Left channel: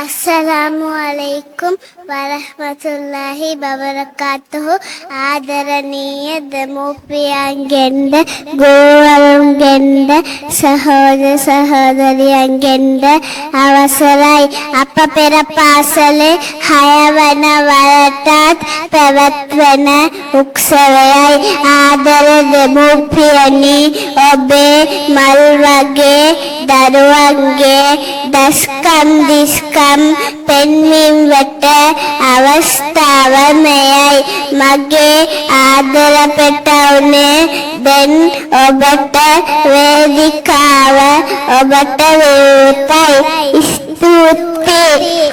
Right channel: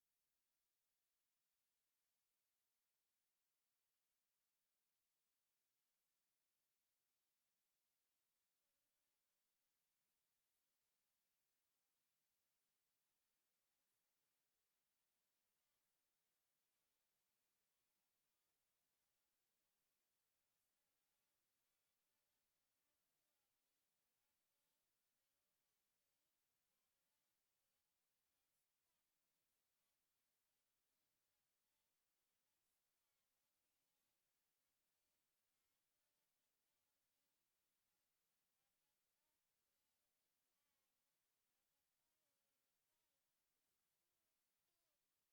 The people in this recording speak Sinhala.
Assalamualaikum warahmatullahi wabarakatuh. ආදරණීය දෙමව්පියන්ගෙන්ද ගෝවරුන්ගෙන්ද සහෝදර සහෝදරියන්ගෙන්ද අවසරයි. අප පෙර පාසලේ 6 වන වරටත් පැවැත්වෙන උත්සවයයි. ආදර දෙමව්පියනි, ඔබේ මල් වගේ දරුවන්ගේ දස්කම් දිස්කම් පෙන්වීම වෙත අවස්ථාව මෙයයි. මගේ ආදර පෙටවුනේ දැන් ඔබට වේදිකාව ඔබට විවෘතයි. ස්තුතියි.